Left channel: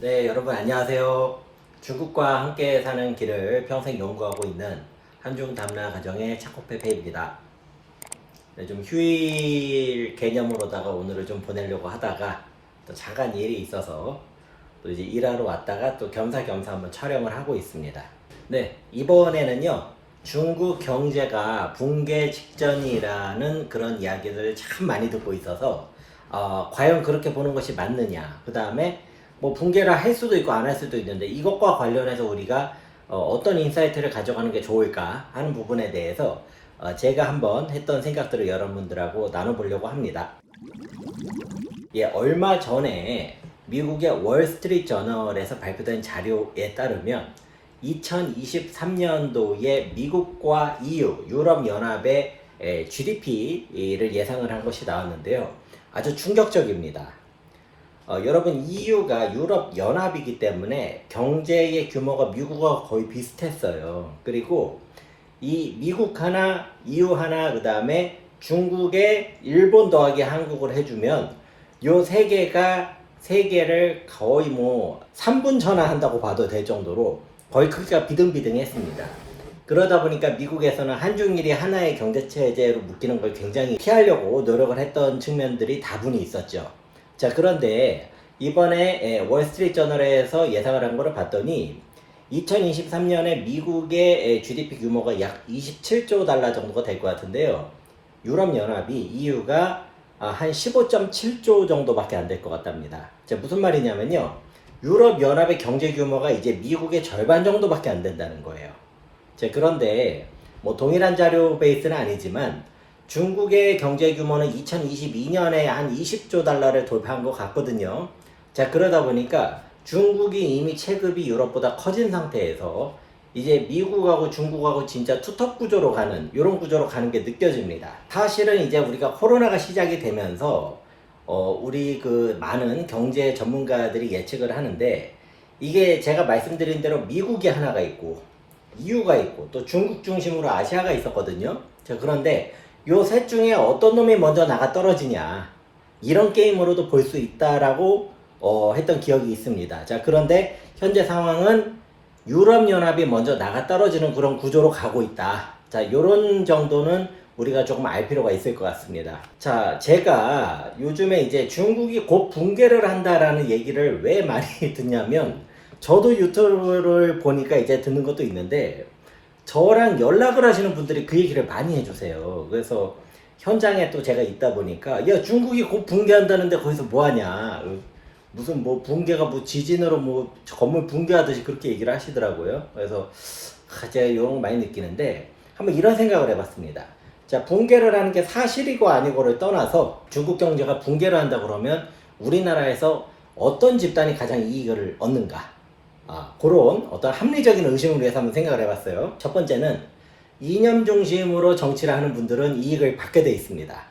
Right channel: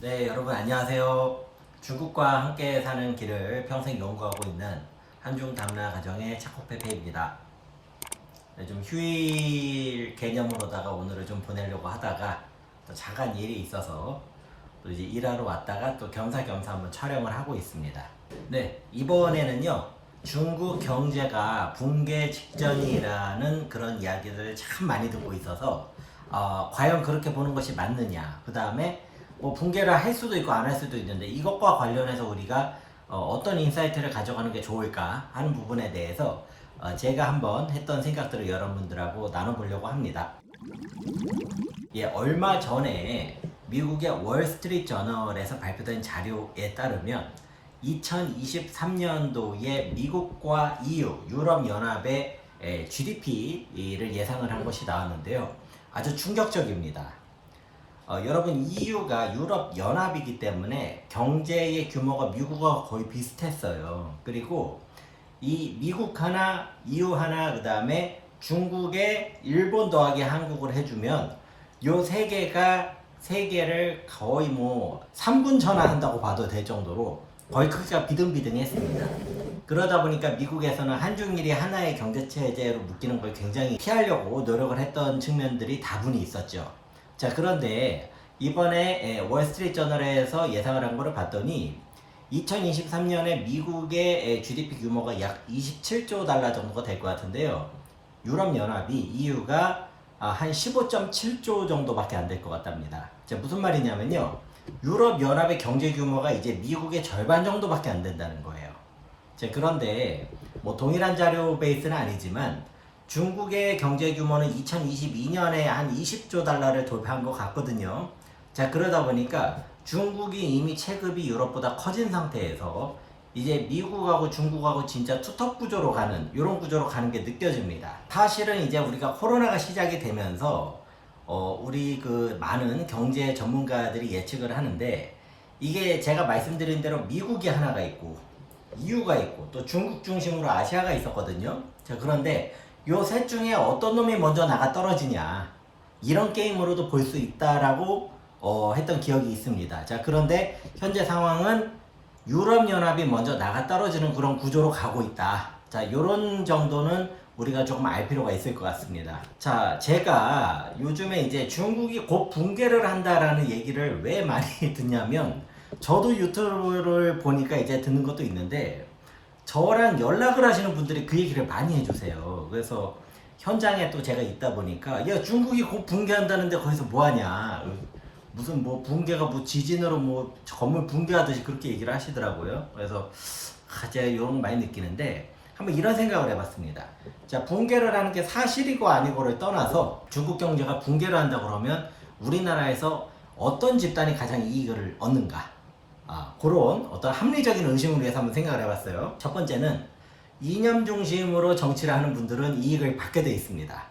네, 여러분 안녕하세요. 중국과 함께 사는 길을 평생 연구하고 있는 한중 담라 가정의 차코페페입니다. 네, 좀 휴일 개념으로다가 오늘을 좀 보내려고 하다가 또 잠깐 일이 있어서 또 이제 일하러 왔다가 또 겸사겸사 한번 촬영을 하고 있습니다. 네, 이번에는요. 중국 경제가 붕괴 직전이라는 그런 이야기를 참 많이 듣고 있어서 과연 그렇게 보는 것이 맞느냐. 그 다음에 뭐 붕괴를 할 수도 있고 안 할 수도 있는데 이것과 관련해서 우리가 어떤 인사이트를 가져가는 게 좋을까 하는 부분에 대해서 제가 한번 했던 생각들을 여러분들하고 나눠보려고 합니다. 예, 얼마 전에 미국의 월스트리트 저널에서 발표된 자료에 따르면 2023년도에 미국과 EU, 유럽연합의 GDP를 예상을 한 것이 나왔는데요. 아주 충격적입니다. 여러분, EU가 유럽연합이기 때문에 경제의 규모가 미국과 거의 비슷했어요. 그리고 이 미국 하나, EU 하나, 그 다음에 중국에 일본 더하기 한국을 해주면 요 세 개가 세계를 거의 뭐 3분 전환한다고 봐도 될 정도로 거의 크기가 비등비등했습니다. 그러다 보니까 미국에서는 한중일이 하나의 경제체제로 묶이는 걸 굉장히 피하려고 노력을 했던 측면들이 다분히 있었죠. 자, 그런데 이번에 월스트리트 저널에서 예상을 한 거를 봤더니 2023년에 미국의 GDP 규모가 약 27조 달러 정도가 될 것 같은데요. 유럽연합이 EU가 한 15.7조 정도밖에 안 될 것 같답니다. 자, 무슨 말이냐면요. 유럽연합의 경제 규모가 이제 미국의 절반 정도밖에 안 된다는 거예요. 자, 그런데 뭐 동일한 자료 베이스는 아니지만 중국의 경제 규모는 2022년에 한 20조 달러를 돌파한 것 같거든요. 자, 그러다 보니까 중국이 이미 체급이 유럽보다 커진 상태에서 이제 미국하고 중국하고 진짜 투톱 구조로 가는 이런 구조로 가는 게 느껴집니다. 사실은 이제 우리가 코로나가 시작이 되면서 우리 그 많은 경제 전문가들이 예측을 하는데 이게 제가 말씀드린 대로 미국이 하나가 있고 EU가 있고 또 중국 중심으로 아시아가 있었거든요. 자, 그런데 요 셋 중에 어떤 놈이 먼저 나가 떨어지냐 이런 게임으로도 볼 수 있다라고 했던 기억이 있습니다. 자, 그런데 현재 상황은 유럽연합이 먼저 나가 떨어지는 그런 구조로 가고 있다. 자, 요런 정도는 우리가 조금 알 필요가 있을 것 같습니다. 자, 제가 요즘에 이제 중국이 곧 붕괴를 한다라는 얘기를 왜 많이 듣냐면 저도 유튜브를 보니까 이제 듣는 것도 있는데 저랑 연락을 하시는 분들이 그 얘기를 많이 해주세요. 그래서 현장에 또 제가 있다 보니까 야, 중국이 곧 붕괴한다는데 거기서 뭐 하냐, 무슨 뭐 붕괴가 뭐 지진으로 뭐 건물 붕괴하듯이 그렇게 얘기를 하시더라고요. 그래서 제가 이런 거 많이 느끼는데 한번 이런 생각을 해봤습니다. 자, 붕괴를 하는 게 사실이고 아니고를 떠나서 중국 경제가 붕괴를 한다 그러면 우리나라에서 어떤 집단이 가장 이익을 얻는가, 그런 어떤 합리적인 의심을 위해서 한번 생각을 해봤어요. 첫 번째는 이념 중심으로 정치를 하는 분들은 이익을 받게 돼 있습니다.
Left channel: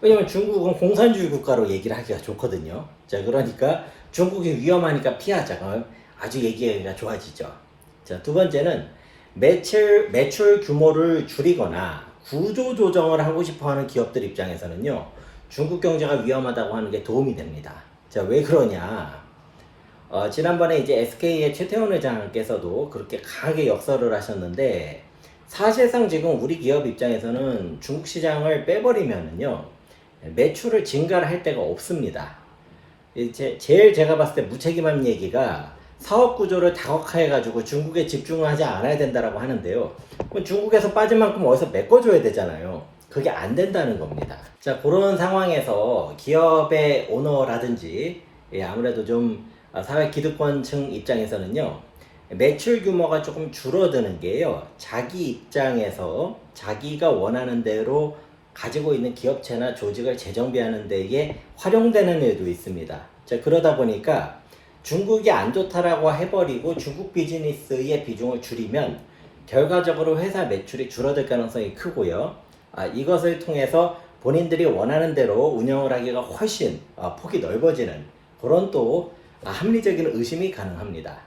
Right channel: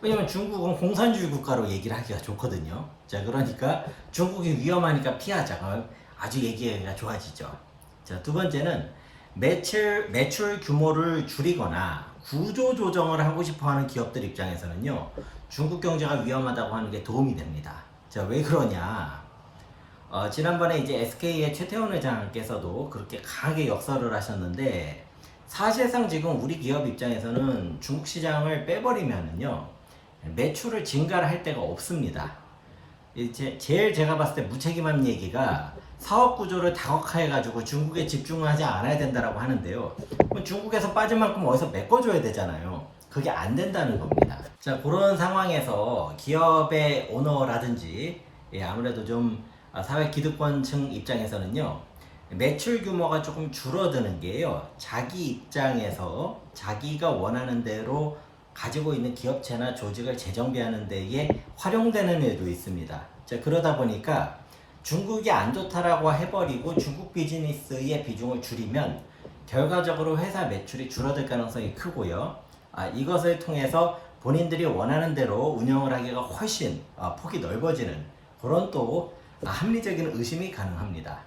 왜냐면 중국은 공산주의 국가로 얘기를 하기가 좋거든요. 자, 그러니까 중국이 위험하니까 피하자. 그럼 아주 얘기가 좋아지죠. 자, 두 번째는 매출 규모를 줄이거나 구조 조정을 하고 싶어 하는 기업들 입장에서는요, 중국 경제가 위험하다고 하는 게 도움이 됩니다. 자, 왜 그러냐? 지난번에 이제 SK의 최태원 회장께서도 그렇게 강하게 역설을 하셨는데, 사실상 지금 우리 기업 입장에서는 중국 시장을 빼버리면은요, 매출을 증가를 할 데가 없습니다. 제일 제가 봤을 때 무책임한 얘기가 사업 구조를 다각화해가지고 중국에 집중하지 않아야 된다라고 하는데요. 중국에서 빠진 만큼 어디서 메꿔줘야 되잖아요. 그게 안 된다는 겁니다. 자, 그런 상황에서 기업의 오너라든지 아무래도 좀 사회 기득권층 입장에서는요, 매출 규모가 조금 줄어드는 게요, 자기 입장에서 자기가 원하는 대로 가지고 있는 기업체나 조직을 재정비하는 데에 활용되는 일도 있습니다. 자, 그러다 보니까 중국이 안 좋다라고 해버리고 중국 비즈니스의 비중을 줄이면 결과적으로 회사 매출이 줄어들 가능성이 크고요. 이것을 통해서 본인들이 원하는 대로 운영을 하기가 훨씬 폭이 넓어지는 그런 또 합리적인 의심이 가능합니다.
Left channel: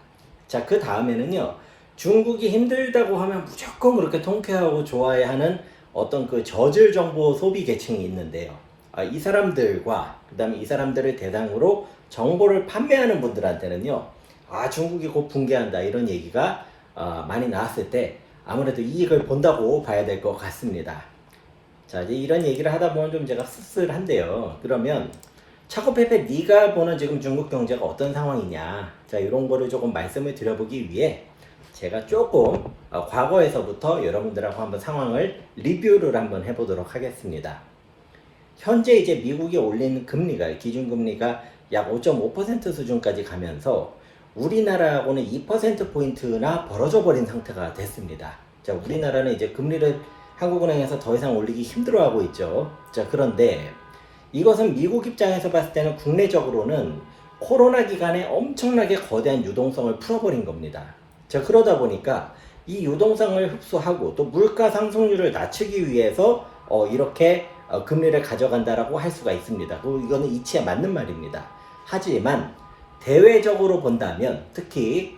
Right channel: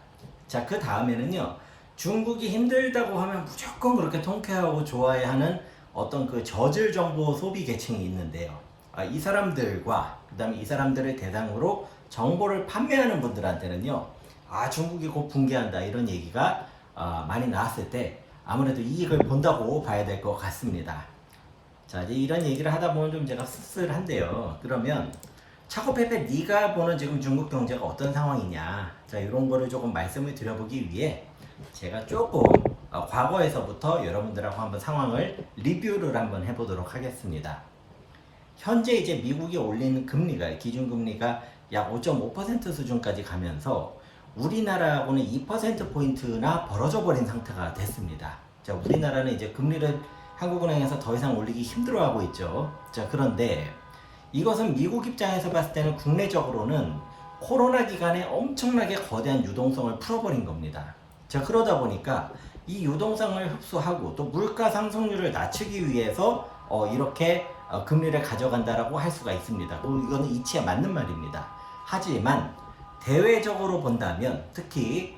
자, 그 다음에는요, 중국이 힘들다고 하면 무조건 그렇게 통쾌하고 좋아해 하는 어떤 그 저질 정보 소비 계층이 있는데요. 이 사람들과 그 다음에 이 사람들을 대상으로 정보를 판매하는 분들한테는요, 중국이 곧 붕괴한다 이런 얘기가 많이 나왔을 때 아무래도 이익을 본다고 봐야 될 것 같습니다. 자, 이제 이런 얘기를 하다 보면 좀 제가 씁쓸한데요. 그러면 차고페페 네가 보는 지금 중국 경제가 어떤 상황이냐, 자 이런 거를 조금 말씀을 드려보기 위해 제가 조금 과거에서부터 여러분들하고 한번 상황을 리뷰를 한번 해보도록 하겠습니다. 현재 이제 미국이 올린 금리가, 기준금리가 약 5.5% 수준까지 가면서 우리나라하고는 2%포인트나 벌어져 버린 상태가 됐습니다. 자, 우리나라는 이제 금리를 한국은행에서 더 이상 올리기 힘들어하고 있죠. 자, 그런데 이것은 미국 입장에서 봤을 때는 국내적으로는 코로나 기간에 엄청나게 거대한 유동성을 풀어버린 겁니다. 자, 그러다 보니까 이 유동성을 흡수하고 또 물가 상승률을 낮추기 위해서 이렇게 금리를 가져간다라고 할 수가 있습니다. 이거는 이치에 맞는 말입니다. 하지만 대외적으로 본다면, 특히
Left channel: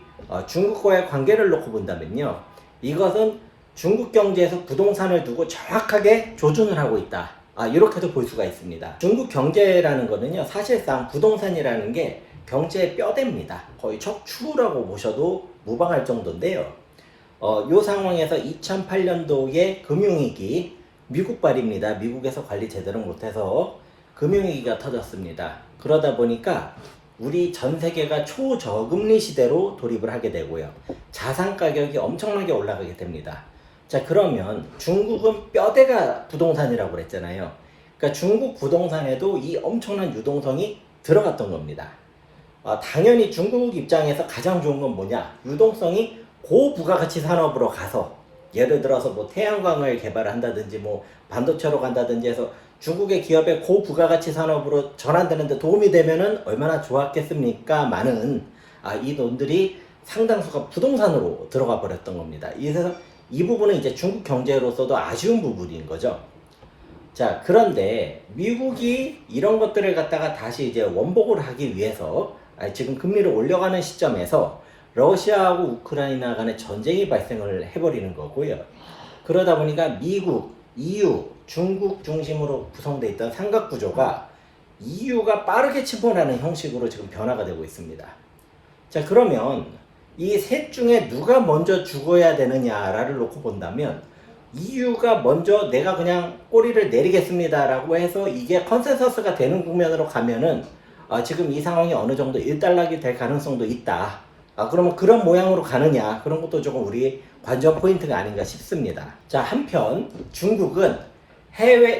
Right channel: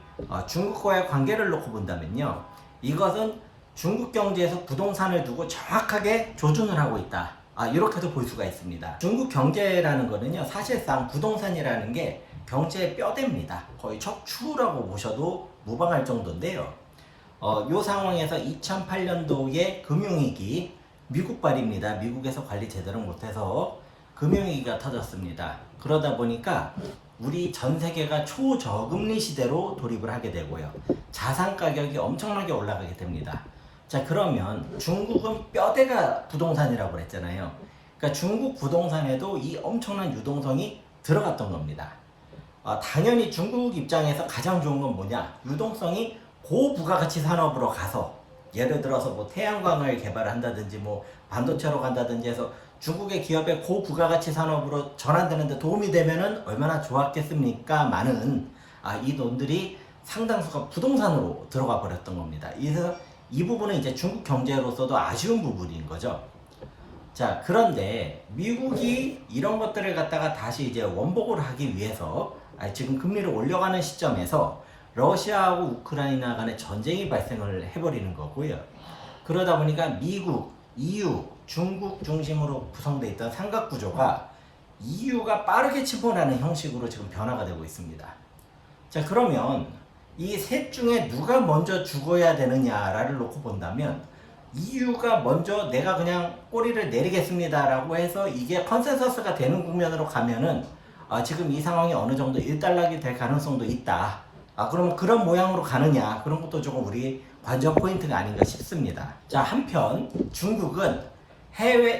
중국과의 관계를 놓고 본다면요, 이것은 중국 경제에서 부동산을 두고 정확하게 조준을 하고 있다, 이렇게도 볼 수가 있습니다. 중국 경제라는 거는요, 사실상 부동산이라는 게 경제의 뼈대입니다. 거의 척추라고 보셔도 무방할 정도인데요. 이 상황에서 2008년도에 금융위기, 미국발입니다. 미국에서 관리 제대로 못해서 금융위기가 터졌습니다. 그러다 보니까 우리 전 세계가 초저금리 시대로 돌입을 하게 되고요. 자산 가격이 엄청나게 올라가게 됩니다. 자, 그러면 중국은 뼈대가 부동산이라고 그랬잖아요. 그러니까 중국 부동산에도 이 엄청난 유동성이 들어갔던 겁니다. 당연히 중국 입장에서 가장 좋은 건 뭐냐? 유동성이 고부가가치 산업으로 가서, 예를 들어서 뭐 태양광을 개발한다든지 뭐 반도체로 간다든지 해서 중국의 기업의 고부가가치 산업으로 전환되는데 도움이 되면은 얼마나 좋았겠습니까? 많은 이 돈들이 상당수가 부동산으로 들어가 버렸던 겁니다. 그래서 이 부분은 이제 중국 경제로서도 아쉬운 부분인 거죠. 자, 그런데 미국이 이런 것들을 갖다가 다시 이제 원복을 하기 위해서 지금 금리를 올려가는 시점에서 러시아하고 우크라이나 간의 전쟁이 발생을 해버리는 거고요. 그러다 보니까 미국, EU, 중국 중심으로 구성되어 있던 삼각구조가 EU가 빠르게 침범하는 형식으로 지금 변화가 되고 있습니다. 자, 그러면 이 셋 중에 누가 먼저 죽어야 되느냐를 놓고 본다면 EU가 먼저 내가 그냥 꼬리를 내리겠습니다 라고 해서 이게 컨센서스가 되는 국면으로 가면은 지금 이 상황이 어느 정도 일단락이 될 가능성도 있다. 그러면 그런 모양으로 가느냐, 그런 것도 조금 우리 관전 포인트가 아닌가 싶습니다. 자, 한편 중국은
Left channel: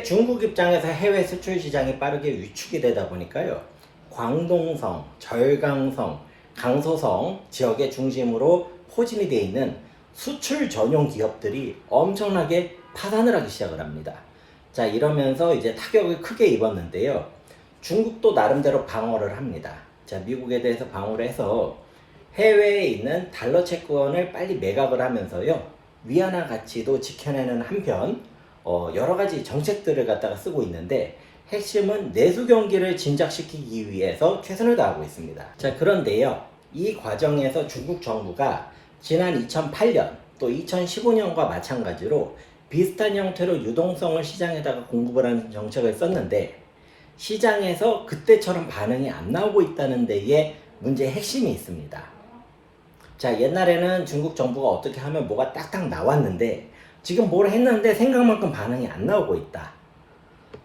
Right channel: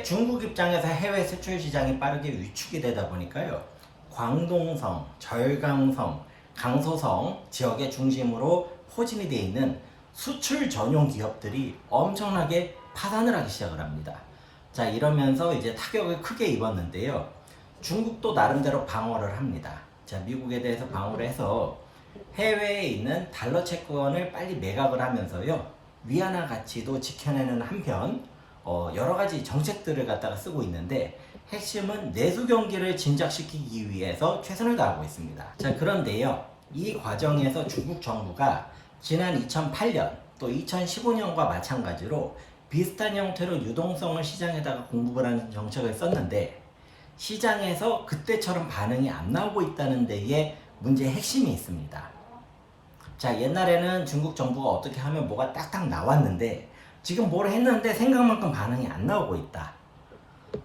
중국 입장에서 해외 수출 시장이 빠르게 위축이 되다 보니까요, 광동성, 절강성, 강소성 지역의 중심으로 포진이 되어 있는 수출 전용 기업들이 엄청나게 파산을 하기 시작을 합니다. 자, 이러면서 이제 타격을 크게 입었는데요, 중국도 나름대로 방어를 합니다. 자, 미국에 대해서 방어를 해서 해외에 있는 달러 채권을 빨리 매각을 하면서요, 위안화 가치도 지켜내는 한편 여러 가지 정책들을 갖다가 쓰고 있는데, 핵심은 내수 경기를 진작시키기 위해서 최선을 다하고 있습니다. 자, 그런데요, 이 과정에서 중국 정부가 지난 2008년 또 2015년과 마찬가지로 비슷한 형태로 유동성을 시장에다가 공급을 하는 정책을 썼는데, 시장에서 그때처럼 반응이 안 나오고 있다는 데에 문제의 핵심이 있습니다. 자, 옛날에는 중국 정부가 어떻게 하면 뭐가 딱딱 나왔는데 지금 뭘 했는데 생각만큼 반응이 안 나오고 있다.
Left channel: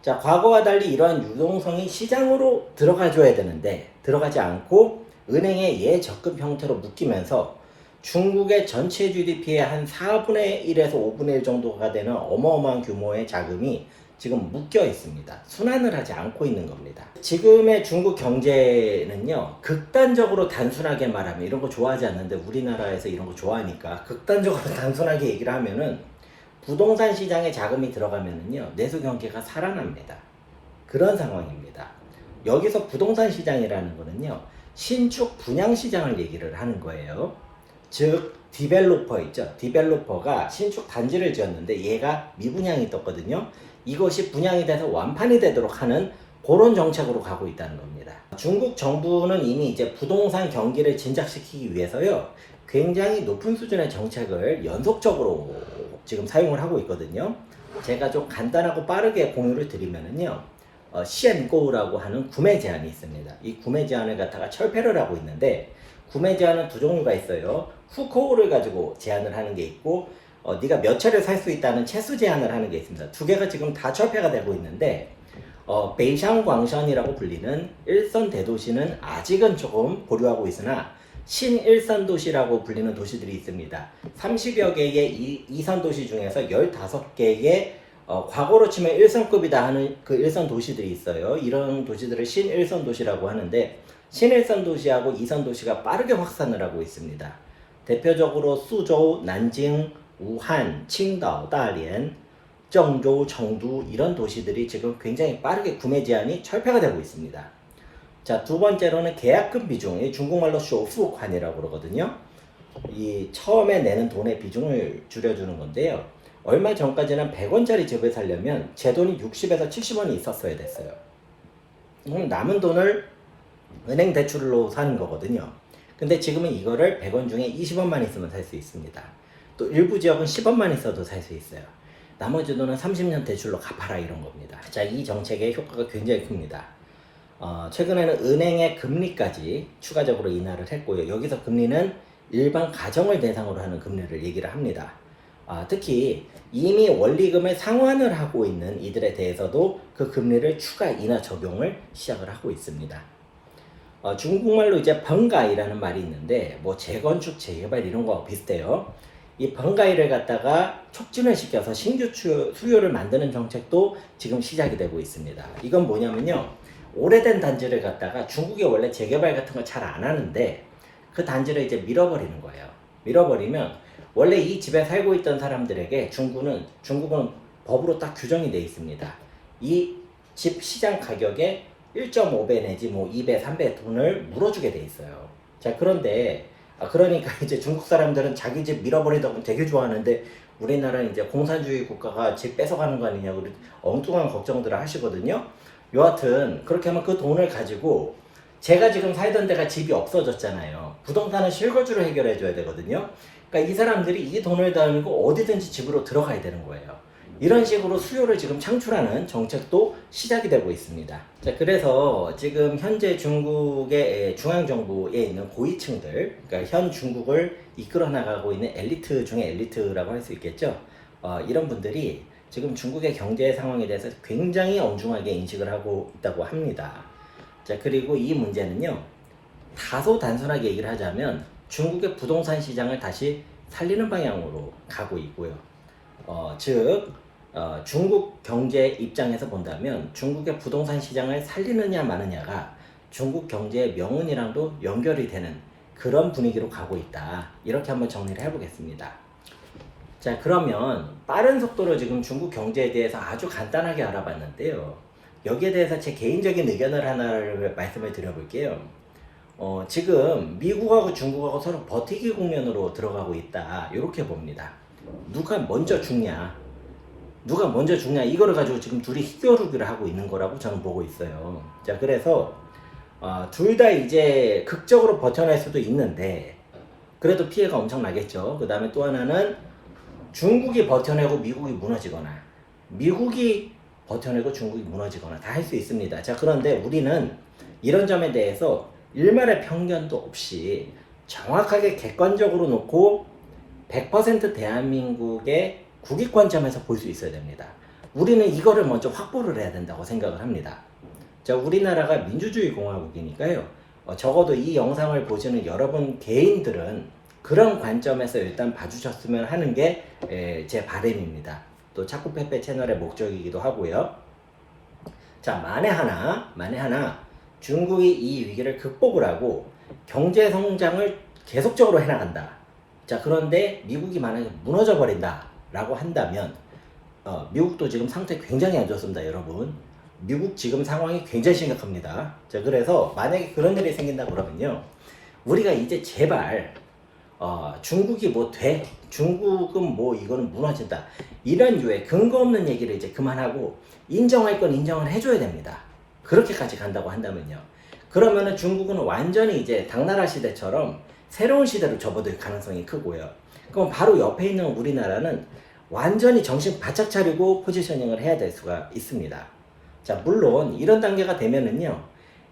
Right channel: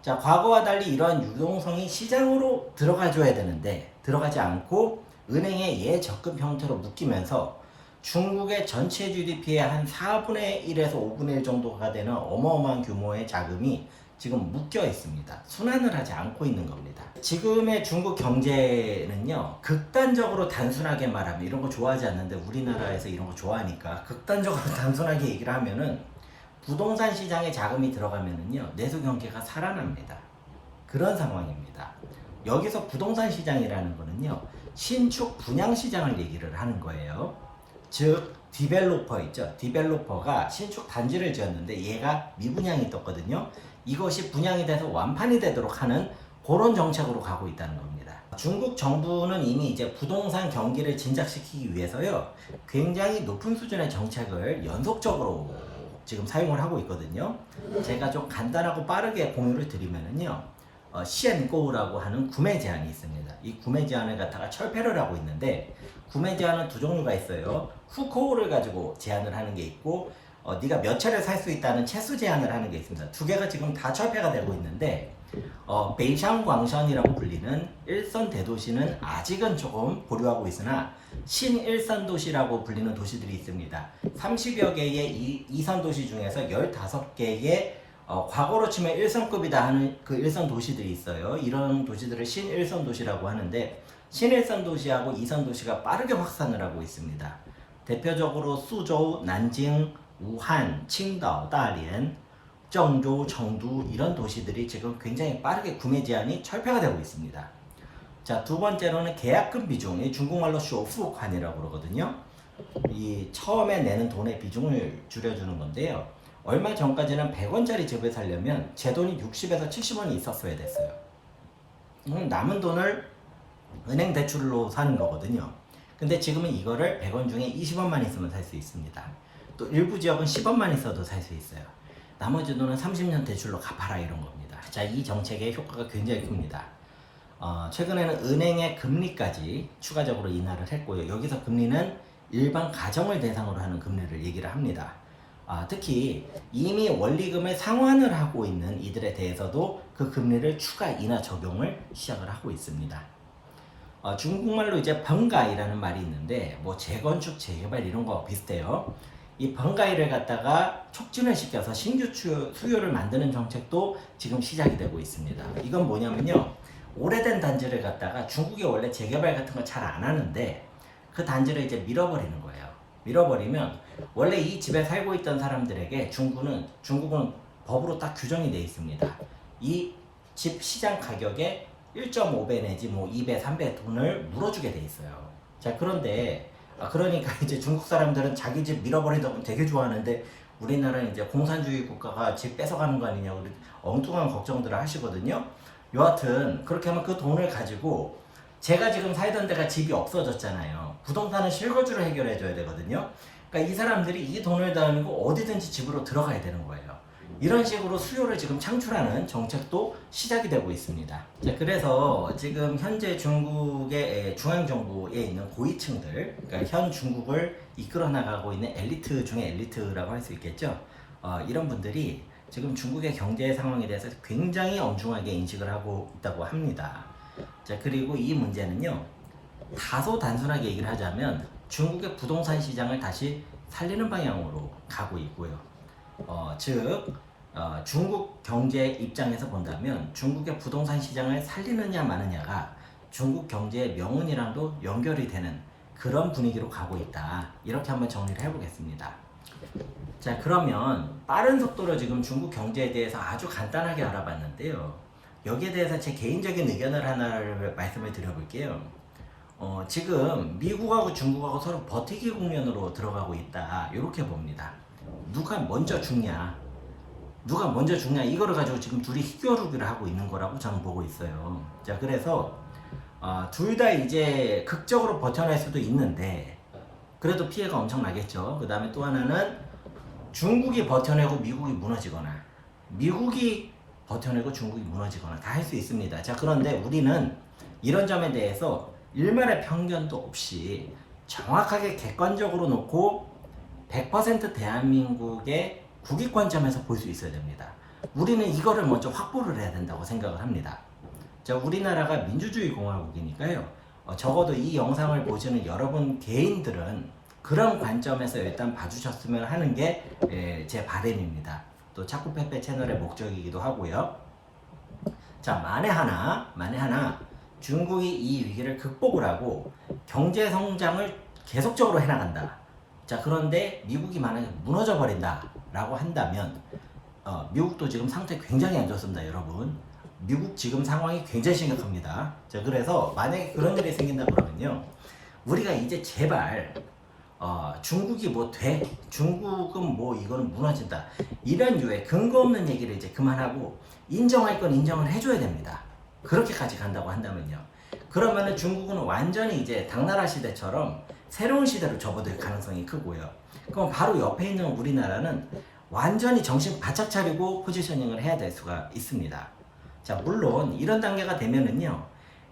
자, 과거와 달리 이러한 유동성이 시장으로 들어가줘야 되는데 들어가지 않고 은행의 예적금 형태로 묶이면서 중국의 전체 GDP의 한 4분의 1에서 5분의 1 정도가 되는 어마어마한 규모의 자금이 지금 묶여 있습니다. 순환을 하지 않고 있는 겁니다. 지금의 중국 경제는요, 극단적으로 단순하게 말하면, 이런 거 좋아하지 않는데 우리나라에서 이런 거 좋아하니까 극단적으로 단순하게 얘기를 하면은, 부동산 시장에 자금이 들어가면은요, 내수 경기가 살아납니다. 그런 상황입니다. 여기서 부동산 시장이라는 거는요, 신축 분양 시장을 얘기를 하는 거예요. 즉 디벨로퍼 있죠. 디벨로퍼가 신축 단지를 지었는데 얘가 미분양이 떴거든요. 이것이 분양이 돼서 완판이 되도록 하는 그런 정책으로 가고 있다는 겁니다. 중국 정부는 이미 이제 부동산 경기를 진작시키기 위해서요, 굉장히 높은 수준의 정책을 연속적으로 지금 사용을 하고 있거든요. 제가 좀 간단하고 빠르게 공유를 드리면은요, 시엔고우라고 하는 구매 제한이 있습니다. 이 구매 제한을 갖다가 철폐를 하고 있는데, 구매 제한은 두 종류가 있어요. 후코우를 가지고 제한을 하는 게 있고 네가 몇 차를 살 수 있다는 채수 제한을 하는 게 있습니다. 두 개가 지금 다 철폐가 되고 있는데 베이샹광션이라고 불리는 일선 대도시는 아직은 조금 보류하고 있으나 신일선 도시라고 불리는 도시들이 있습니다. 30여 개의 이선 도시 중에서 15개의 과거로 치면 1선급이다 하는 그 일선 도시들이 있어요. 이런 도시들을 신일선 도시라고 하는데 신일선 도시하고 이선 도시가 빠르게 확산을 하고 있습니다. 대표적으로 수저우, 난징, 우한, 칭다오, 다롄, 정조, 청두 이런 도시들이 지금 굉장히 빠르게 구매 제한이 철폐가 되고 있습니다. 자, 두 번째로는 계약금 비중이 중국말로 쇼푸관이라고 그러거든요. 이 처음에 내는 돈의 비중을 줄여주는 건데요. 얼마 전까지는 100원짜리 집을 살려면 제 돈이 60에서 70원이 있었어야 됐어요. 남은 돈을 은행 대출로 사는 거거든요. 근데 지금은 이거를 100원 중에 20원만 있으면 살 수 있습니다. 또 일부 지역은 10원만 있어도 살 수 있어요. 나머지 돈은 30년 대출로 갚아라 이런 겁니다. 자, 이 정책의 효과가 굉장히 큽니다. 최근에는 은행의 금리까지 추가적으로 인하를 했고요. 여기서 금리는 일반 가정을 대상으로 하는 금리를 얘기를 합니다. 특히 이미 원리금을 상환을 하고 있는 이들에 대해서도 그 금리를 추가 인하 적용을 시작을 하고 있습니다. 중국말로 이제 벙가이라는 말이 있는데 뭐 재건축, 재개발 이런 거와 비슷해요. 이 벙가이를 갖다가 촉진을 시켜서 신규 수요를 만드는 정책도 지금 시작이 되고 있습니다. 이건 뭐냐면요. 오래된 단지를 갖다가 중국이 원래 재개발 같은 걸 잘 안 하는데 그 단지를 이제 밀어버리는 거예요. 밀어버리면 원래 이 집에 살고 있던 사람들에게 중국은 법으로 딱 규정이 돼 있습니다. 이 집 시장 가격에 1.5배 내지 뭐 2배, 3배 돈을 물어주게 돼 있어요. 자, 그런데 그러니까 이제 중국 사람들은 자기 집 밀어버리다 보면 되게 좋아하는데 우리나라는 이제 공산주의 국가가 집 뺏어가는 거 아니냐고 엉뚱한 걱정들을 하시거든요. 여하튼 그렇게 하면 그 돈을 가지고 제가 지금 살던 데가 집이 없어졌잖아요. 부동산은 실거주를 해결해 줘야 되거든요. 그러니까 이 사람들이 이 돈을 달고 어디든지 집으로 들어가야 되는 거예요. 이런 식으로 수요를 지금 창출하는 정책도 시작이 되고 있습니다. 자, 그래서 지금 현재 중국의 중앙정부에 있는 고위층들, 그러니까 현 중국을 이끌어 나가고 있는 엘리트 중에 엘리트라고 할 수 있겠죠. 이런 분들이 지금 중국의 경제 상황에 대해서 굉장히 엄중하게 인식을 하고 있다고 합니다. 자, 그리고 이 문제는요, 다소 단순하게 얘기를 하자면 중국의 부동산 시장을 다시 살리는 방향으로 가고 있고요. 즉 중국 경제 입장에서 본다면 중국의 부동산 시장을 살리느냐 마느냐가 중국 경제의 명운이랑도 연결이 되는 그런 분위기로 가고 있다. 이렇게 한번 정리를 해보겠습니다. 자, 그러면 빠른 속도로 지금 중국 경제에 대해서 아주 간단하게 알아봤는데요. 여기에 대해서 제 개인적인 의견을 하나를 말씀을 드려볼게요. 지금 미국하고 중국하고 서로 버티기 국면으로 들어가고 있다. 이렇게 봅니다. 누가 먼저 죽냐? 이거를 가지고 지금 둘이 희겨루기를 하고 있는 거라고 저는 보고 있어요. 자, 그래서 둘 다 이제 극적으로 버텨낼 수도 있는데 그래도 피해가 엄청 나겠죠. 그 다음에 또 하나는 중국이 버텨내고 미국이 무너지거나 미국이 버텨내고 중국이 무너지거나 다 할 수 있습니다. 자, 그런데 우리는 이런 점에 대해서 일말의 편견도 없이 정확하게 객관적으로 놓고 100% 대한민국의 국익 관점에서 볼 수 있어야 됩니다. 우리는 이거를 먼저 확보를 해야 된다고 생각을 합니다. 자, 우리나라가 민주주의 공화국이니까요. 적어도 이 영상을 보시는 여러분 개인들은 그런 관점에서 일단 봐주셨으면 하는 게 제 바람입니다. 또 차쿠페페 채널의 목적이기도 하고요. 자, 만에 하나 중국이 이 위기를 극복을 하고 경제 성장을 계속적으로 해나간다. 자, 그런데 미국이 만약에 무너져 버린다 라고 한다면 미국도 지금 상태 굉장히 안 좋습니다, 여러분. 미국 지금 상황이 굉장히 심각합니다. 자, 그래서 만약에 그런 일이 생긴다 그러면요, 우리가 이제 제발 중국이 뭐 돼? 중국은 뭐 이거는 무너진다. 이런 류의 근거 없는 얘기를 이제 그만하고 인정할 건 인정을 해줘야 됩니다. 그렇게까지 간다고 한다면요. 그러면은 중국은 완전히 이제 당나라 시대처럼 새로운 시대로 접어들 가능성이 크고요. 그럼 바로 옆에 있는 우리나라는 완전히 정신 바짝 차리고 포지셔닝을 해야 될 수가 있습니다. 자, 물론 이런 단계가 되면은요,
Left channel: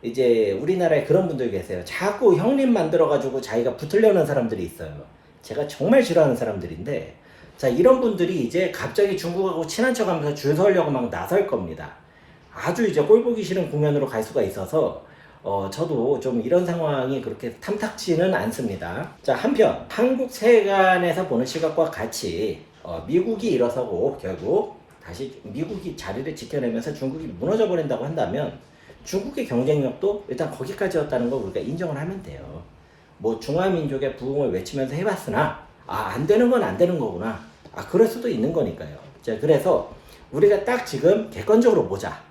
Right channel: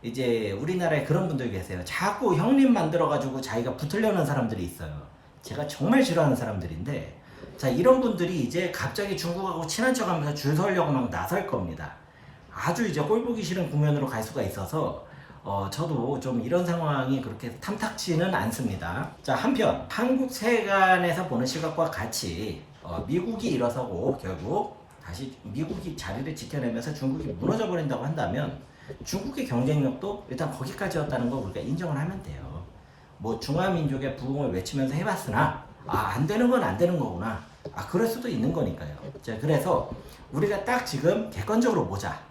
이제 우리나라에 그런 분들 계세요. 자꾸 형님 만들어가지고 자기가 붙으려는 사람들이 있어요. 제가 정말 싫어하는 사람들인데, 자, 이런 분들이 이제 갑자기 중국하고 친한 척 하면서 줄 서려고 막 나설 겁니다. 아주 이제 꼴 보기 싫은 국면으로 갈 수가 있어서, 저도 좀 이런 상황이 그렇게 탐탁지는 않습니다. 자, 한편, 한국 세간에서 보는 시각과 같이, 미국이 일어서고 결국 다시 미국이 자리를 지켜내면서 중국이 무너져 버린다고 한다면 중국의 경쟁력도 일단 거기까지였다는 걸 우리가 인정을 하면 돼요. 뭐 중화민족의 부흥을 외치면서 해봤으나 안 되는 건 안 되는 거구나. 그럴 수도 있는 거니까요. 자, 그래서 우리가 딱 지금 객관적으로 보자.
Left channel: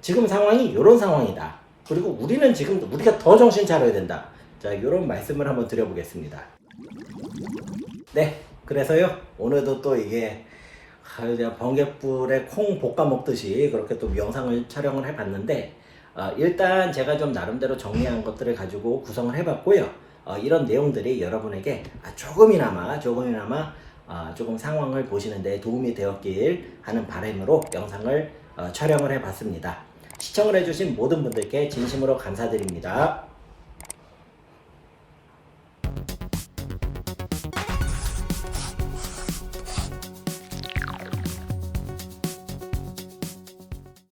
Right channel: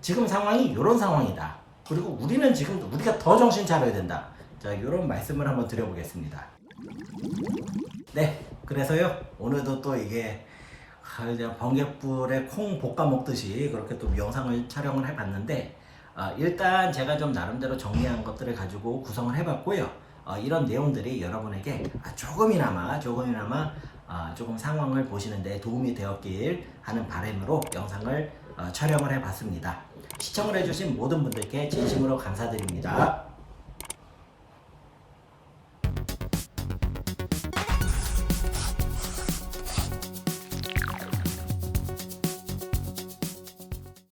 지금 상황이 이런 상황이다. 그리고 우리는 지금 우리가 더 정신 차려야 된다. 자, 이런 말씀을 한번 드려보겠습니다. 네, 그래서요 오늘도 또 이게 이제 번갯불에 콩 볶아 먹듯이 그렇게 또 영상을 촬영을 해봤는데, 일단 제가 좀 나름대로 정리한 것들을 가지고 구성을 해봤고요. 이런 내용들이 여러분에게 조금이나마 조금 상황을 보시는데 도움이 되었길 하는 바람으로 영상을 촬영을 해봤습니다. 시청을 해주신 모든 분들께 진심으로 감사드립니다.